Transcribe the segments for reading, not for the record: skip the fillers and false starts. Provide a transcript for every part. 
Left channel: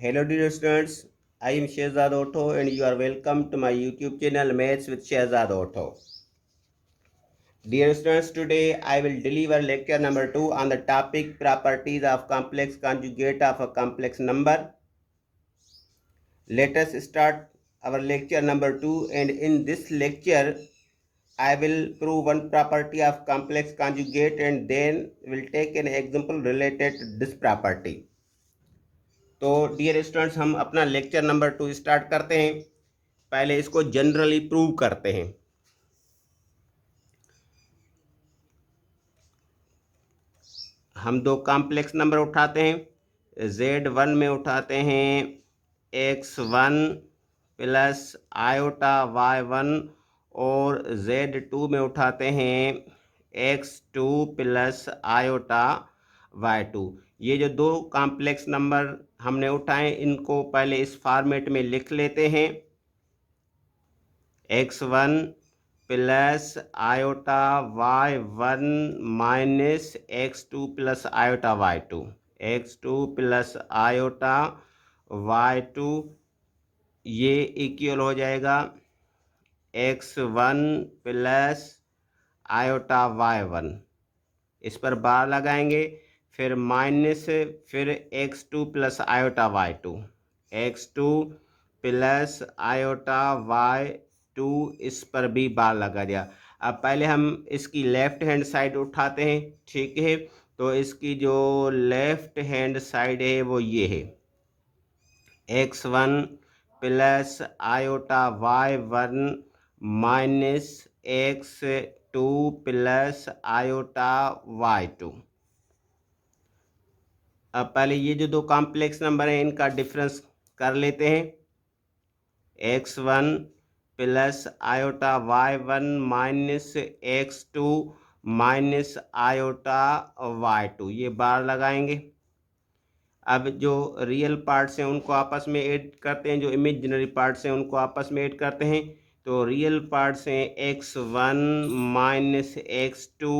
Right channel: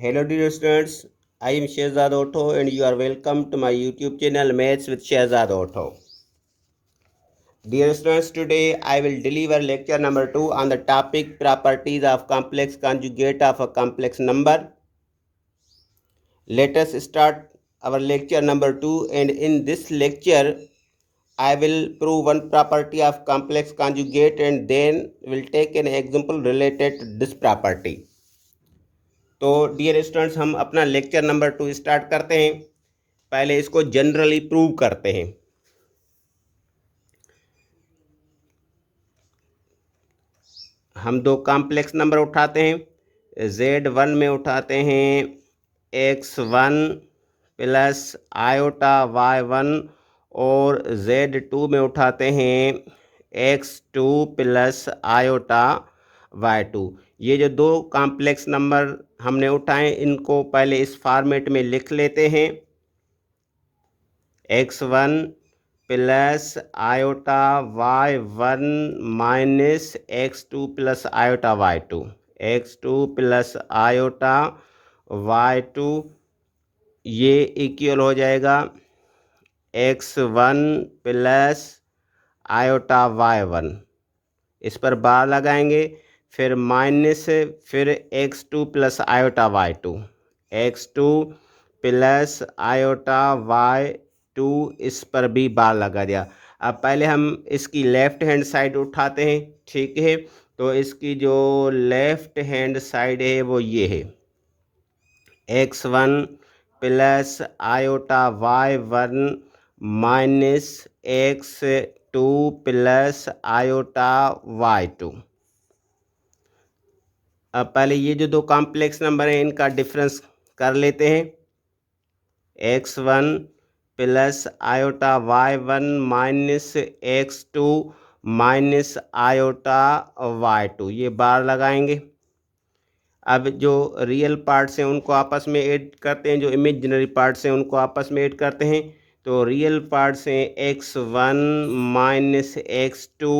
Hello dear students, I am Shehzad Auto and you are welcome to my YouTube channel Maths with Shehzad Auto. Dear students, today I will deliver lecture number 2 on the topic properties of complex conjugate of a complex number. Let us start our lecture number 2, and in this lecture I will prove one property of complex conjugate and then will take an example related to this property. तो dear students, हम अपना lecture number 2 start करते हैं। पहले इसको generally prove करते हैं। हम दो कॉम्प्लेक्स नंबर उठाते हैं। Z1 में उठाते हैं x1 प्लस आयोटा y1 और Z2 में उठाते हैं x2 प्लस आयोटा y2। ये जो दो कॉम्प्लेक्स नंबर हमने उठाए इनको पहले इस फॉर्मेट में लिख लेते हैं। x1 plus iota y1 minus x2 plus iota y2, x2 plus iota y2, ये इक्वल हो जाएगा x1 प्लस आयोटा y1। इस पर बार लगाएंगे, फिर माइनस, फिर x2 plus iota y2, x2 plus iota y2, इस पर भी बार लगा दिया। अब पहले हम इसकी लेफ्ट हैंड साइड उठाते हैं, ठीक है। तो इसकी जो लेफ्ट हैंड साइड है वो ये है, x1 plus iota y1 minus x2 plus iota y2। अब पहले ये जो दो कॉम्प्लेक्स नंबर हैं इनका डिफरेंस कर लेते हैं। x1 plus iota y1 minus x2 minus iota y2, ये बार लगाएंगे। अब जो रियल पार्ट्स हैं उनको आपस में ऐड करते हैं, जो इमेजिनरी पार्ट्स हैं उनको आपस में ऐड करते हैं। तो रियल पार्ट्स हैं x1 माइनस x2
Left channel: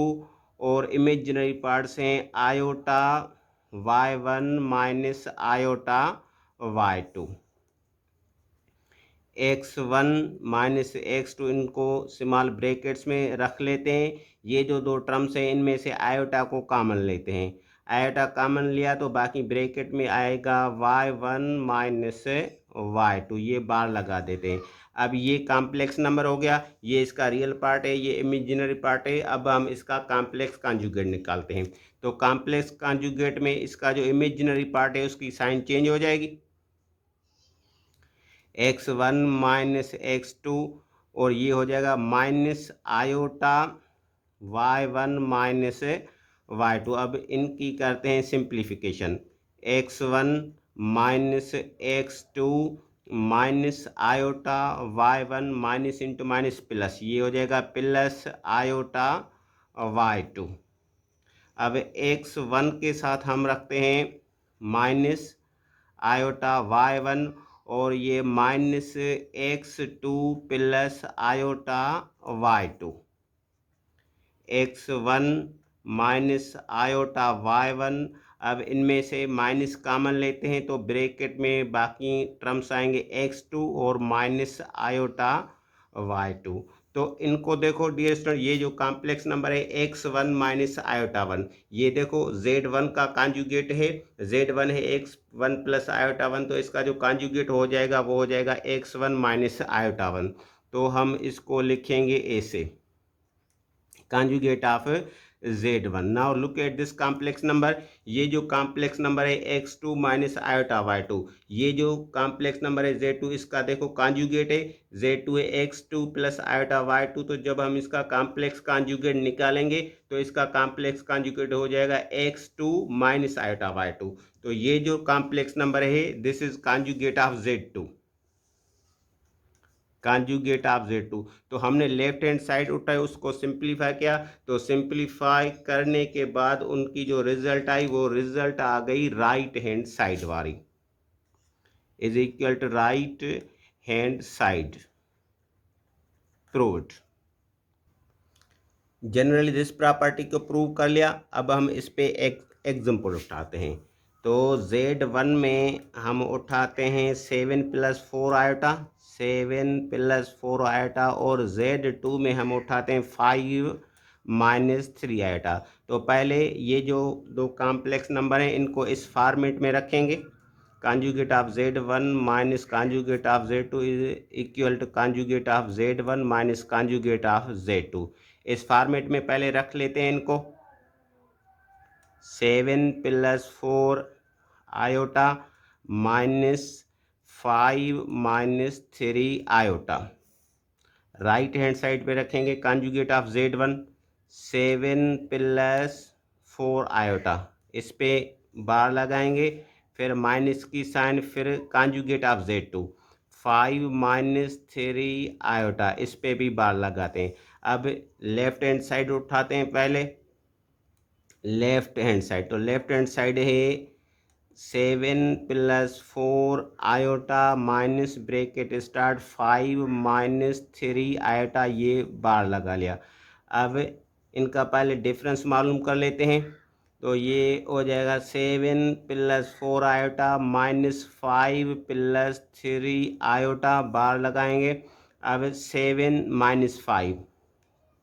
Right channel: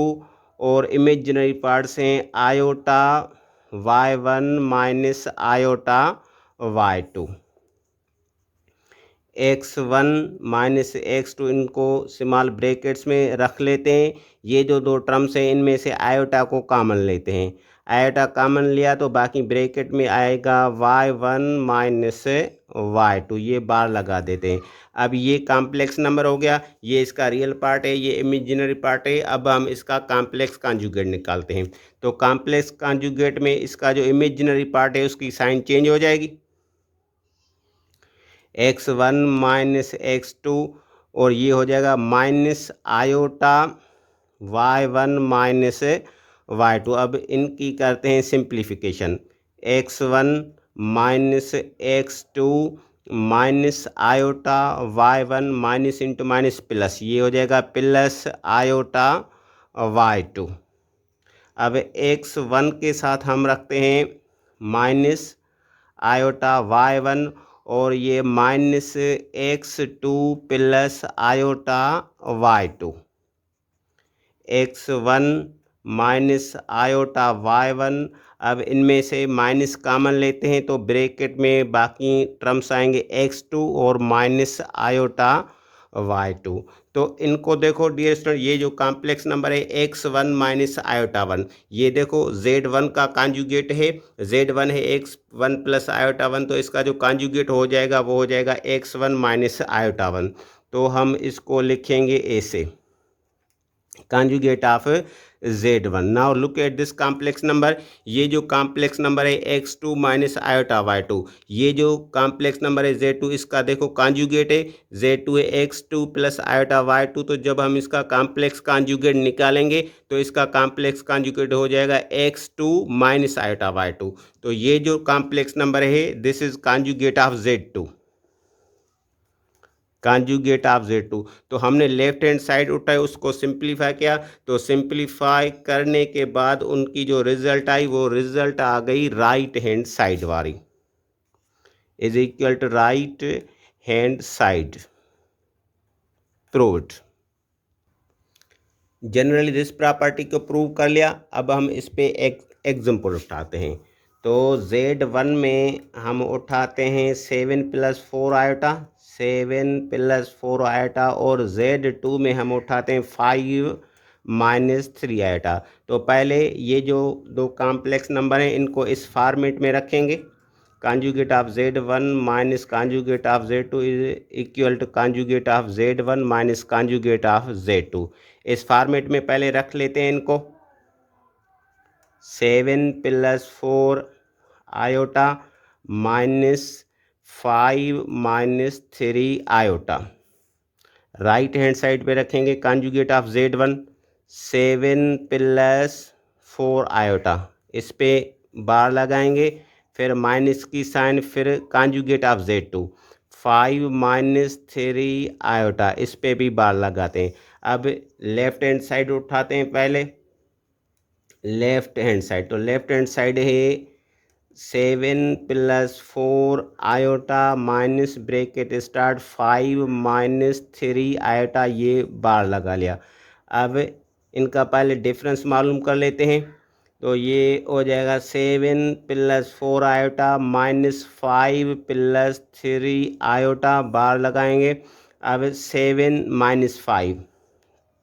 और इमेजिनरी पार्ट्स हैं iota y1 minus iota y2। x1 minus x2 इनको स्मॉल ब्रैकेट्स में रख लेते हैं। ये जो दो टर्म्स हैं इनमें से आयोटा को कॉमन लेते हैं। आयोटा कॉमन लिया तो बाकी ब्रैकेट में आएगा y1 माइनस y2, ये बार लगा देते हैं। अब ये कॉम्प्लेक्स नंबर हो गया, ये इसका रियल पार्ट है, ये इमेजिनरी पार्ट है। अब हम इसका कॉम्प्लेक्स कॉन्जुगेट निकालते हैं। तो कॉम्प्लेक्स कॉन्जुगेट में इसका जो इमेजिनरी पार्ट है उसकी साइन चेंज हो जाएगी, x1 माइनस x2, और ये हो जाएगा minus iota y1 minus y2। अब इनकी करते हैं simplification, x1 minus x2 minus iota y1 minus into minus plus, ये हो जाएगा प्लस आयोटा y2। अब x1 के साथ हम रखते हैं माइनस आयोटा y1 और ये minus x2 plus iota y2, x1 minus iota y1। अब इनमें से माइनस कॉमन लेते हैं तो ब्रैकेट में बाकी टर्म्स आएंगे x2 और माइनस आयोटा y2। तो इनको देखो डियर स्टूडेंट, ये जो कॉम्प्लेक्स नंबर है x1 माइनस आयोटा 1, ये देखो z1 का कॉन्जुगेट है, z1 है x1 प्लस आयोटा 1, तो इसका जो कॉन्जुगेट हो जाएगा वो हो जाएगा x1 माइनस आयोटा 1। तो हम इसको लिखेंगे ऐसे, conjugate of z1। Now look at this complex number. ये जो कॉम्प्लेक्स नंबर है x2 माइनस आयोटा y2, ये जो कॉम्प्लेक्स नंबर है z2, इसका देखो कॉन्जुगेट है z2 है x2 प्लस आयोटा y2। तो जब हम इसका कॉम्प्लेक्स कॉन्जुगेट निकालेंगे तो इसका कॉम्प्लेक्स कॉन्जुगेट हो जाएगा x2 माइनस आयोटा y2। तो ये जो कॉम्प्लेक्स नंबर है this is conjugate of z2, conjugate of z2। तो हमने लेफ्ट हैंड साइड उठाई, उसको सिंप्लीफाई किया, तो सिंप्लीफाई करने के बाद उनकी जो रिजल्ट आई वो रिजल्ट आ गई राइट हैंड साइड वाली, is equal to right hand side proved. Generally this property को प्रूव कर लिया। अब हम इस पे एक एग्जाम्पल उठाते हैं। तो Z1 में हम उठाते हैं 7 + 4 आयोटा, 7 + 4 आयोटा, और Z2 में हम उठाते हैं 5 - 3 आयोटा। तो पहले ये जो दो कॉम्प्लेक्स नंबर हैं इनको इस फॉर्मेट में रखेंगे। Conjugate of Z1 minus conjugate of Z2 is equal to conjugate of Z1 minus conjugate of Z2। इस फॉर्मेट में पहले रख लेते हैं इनको। 7 + 4 iota -5 - 3 iota. Right hand side पे रखेंगे कॉन्जुगेट ऑफ Z1, 7 + 4 आयोटा, इस पे बार लगाएंगे, फिर माइनस की साइन, फिर कॉन्जुगेट ऑफ Z2, 5 - 3 आयोटा, इस पे भी बार लगाते हैं। अब लेफ्ट हैंड साइड उठाते हैं पहले। लेफ्ट हैंड साइड, तो लेफ्ट हैंड साइड है 7 + 4 iota minus bracket start 5 - 3 iota, ये बार लगा लिया। अब इनका पहले डिफरेंस मालूम कर लेते हैं। तो ये हो जाएगा 7 + 4 आयोटा -5 + 3 आयोटा, बार लगाएंगे। अब 7 - 5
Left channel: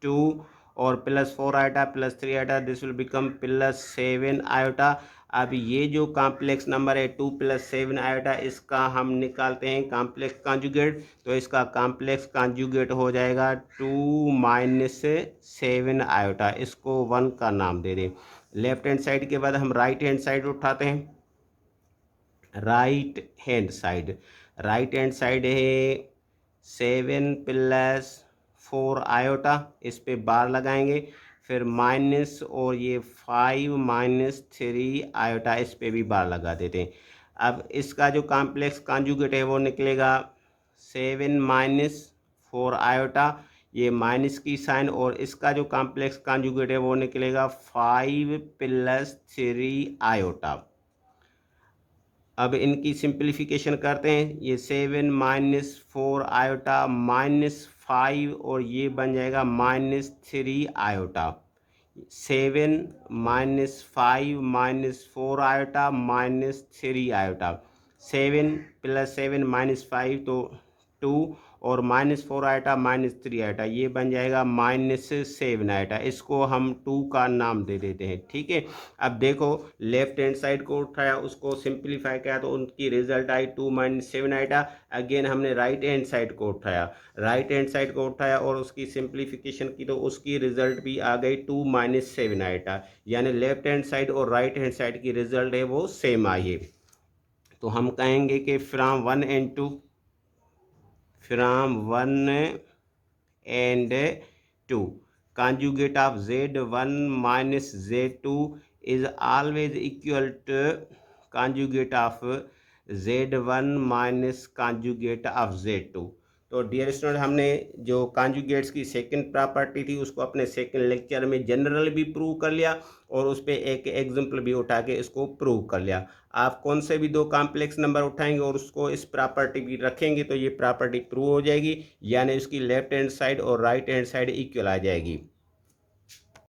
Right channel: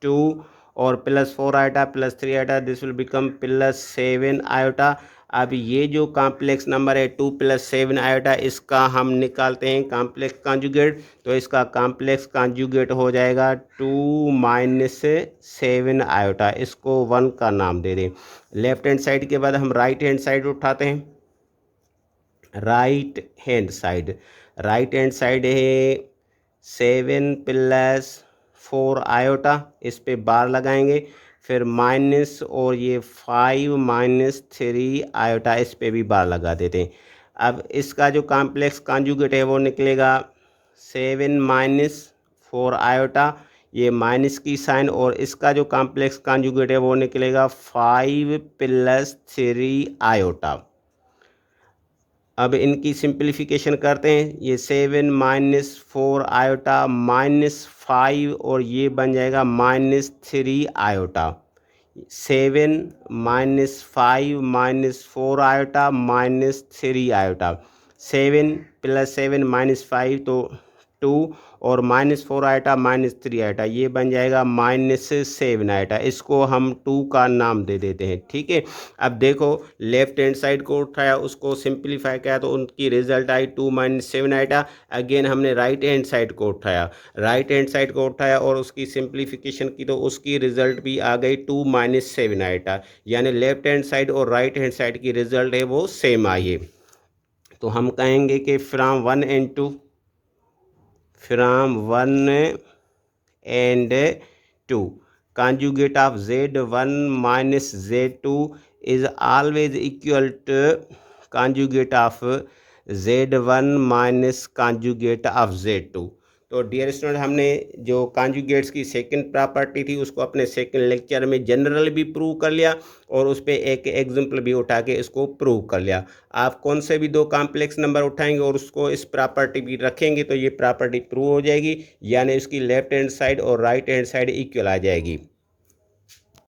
2 और +4 iota +3 iota, this will become +7 iota. अब ये जो कॉम्प्लेक्स नंबर है 2 + 7 आयोटा, इसका हम निकालते हैं कॉम्प्लेक्स कॉन्जुगेट। तो इसका कॉम्प्लेक्स कॉन्जुगेट हो जाएगा 2 - 7 आयोटा, इसको 1 का नाम दे दें। लेफ्ट हैंड साइड के बाद हम राइट हैंड साइड उठाते हैं। राइट हैंड साइड है 7 + 4 आयोटा, इस पे बार लगाएंगे, फिर माइनस और ये 5 - 3 आयोटा, इस पे भी बार लगा देते हैं। अब इसका जो कॉम्प्लेक्स कॉन्जुगेट है वो निकलेगा 7 - 4 आयोटा, ये माइनस की साइन, और इसका जो कॉम्प्लेक्स कॉन्जुगेट है वो निकलेगा 5 + 3 आयोटा। अब इनकी सिंप्लीफिकेशन करते हैं। ये 7 - 4 आयोटा -5, और ये बन जाएगा -3 आयोटा। 7 - 5 - 4 iota -3 iota. 7 + 7 -5 तो 2, और -4 आयोटा -3 आयोटा, ये बन जाएगा -7 आयोटा। इसको हम 2 का नाम दे देते हैं। ठीक है। अब देखो, लेफ्ट हैंड साइड को उठाया, उसको सिंप्लीफाई किया, तो उनकी रिजल्ट आई 2 - 7 आयोटा। अगेन हमने राइट हैंड साइड को उठाया और उसकी सिंप्लीफिकेशन की, तो उसकी रिजल्ट भी आ गई 2 - 7 आयोटा। यानी लेफ्ट हैंड साइड और राइट हैंड साइड की रिजल्ट है वो सेम आई है। तो हम कहेंगे कि from 1 and 2 conjugate of Z1 minus Z2 is always equal to conjugate of Z1 minus conjugate of Z2। तो डियर स्टूडेंट, हमने जो कॉन्जुगेट्स की सेकंड प्रॉपर्टी थी उसको अपने सेकंड लेक्चर में जनरल भी प्रूव कर लिया, और उस पर एक एग्जाम्पल भी उठा के इसको प्रूव कर लिया। आप कौन से भी दो कॉम्प्लेक्स नंबर उठाएंगे और उसको इस प्रॉपर्टी भी रखेंगे तो ये प्रॉपर्टी प्रूव हो जाएगी, यानी इसकी लेफ्ट हैंड साइड और राइट हैंड साइड इक्वल आ जाएगी।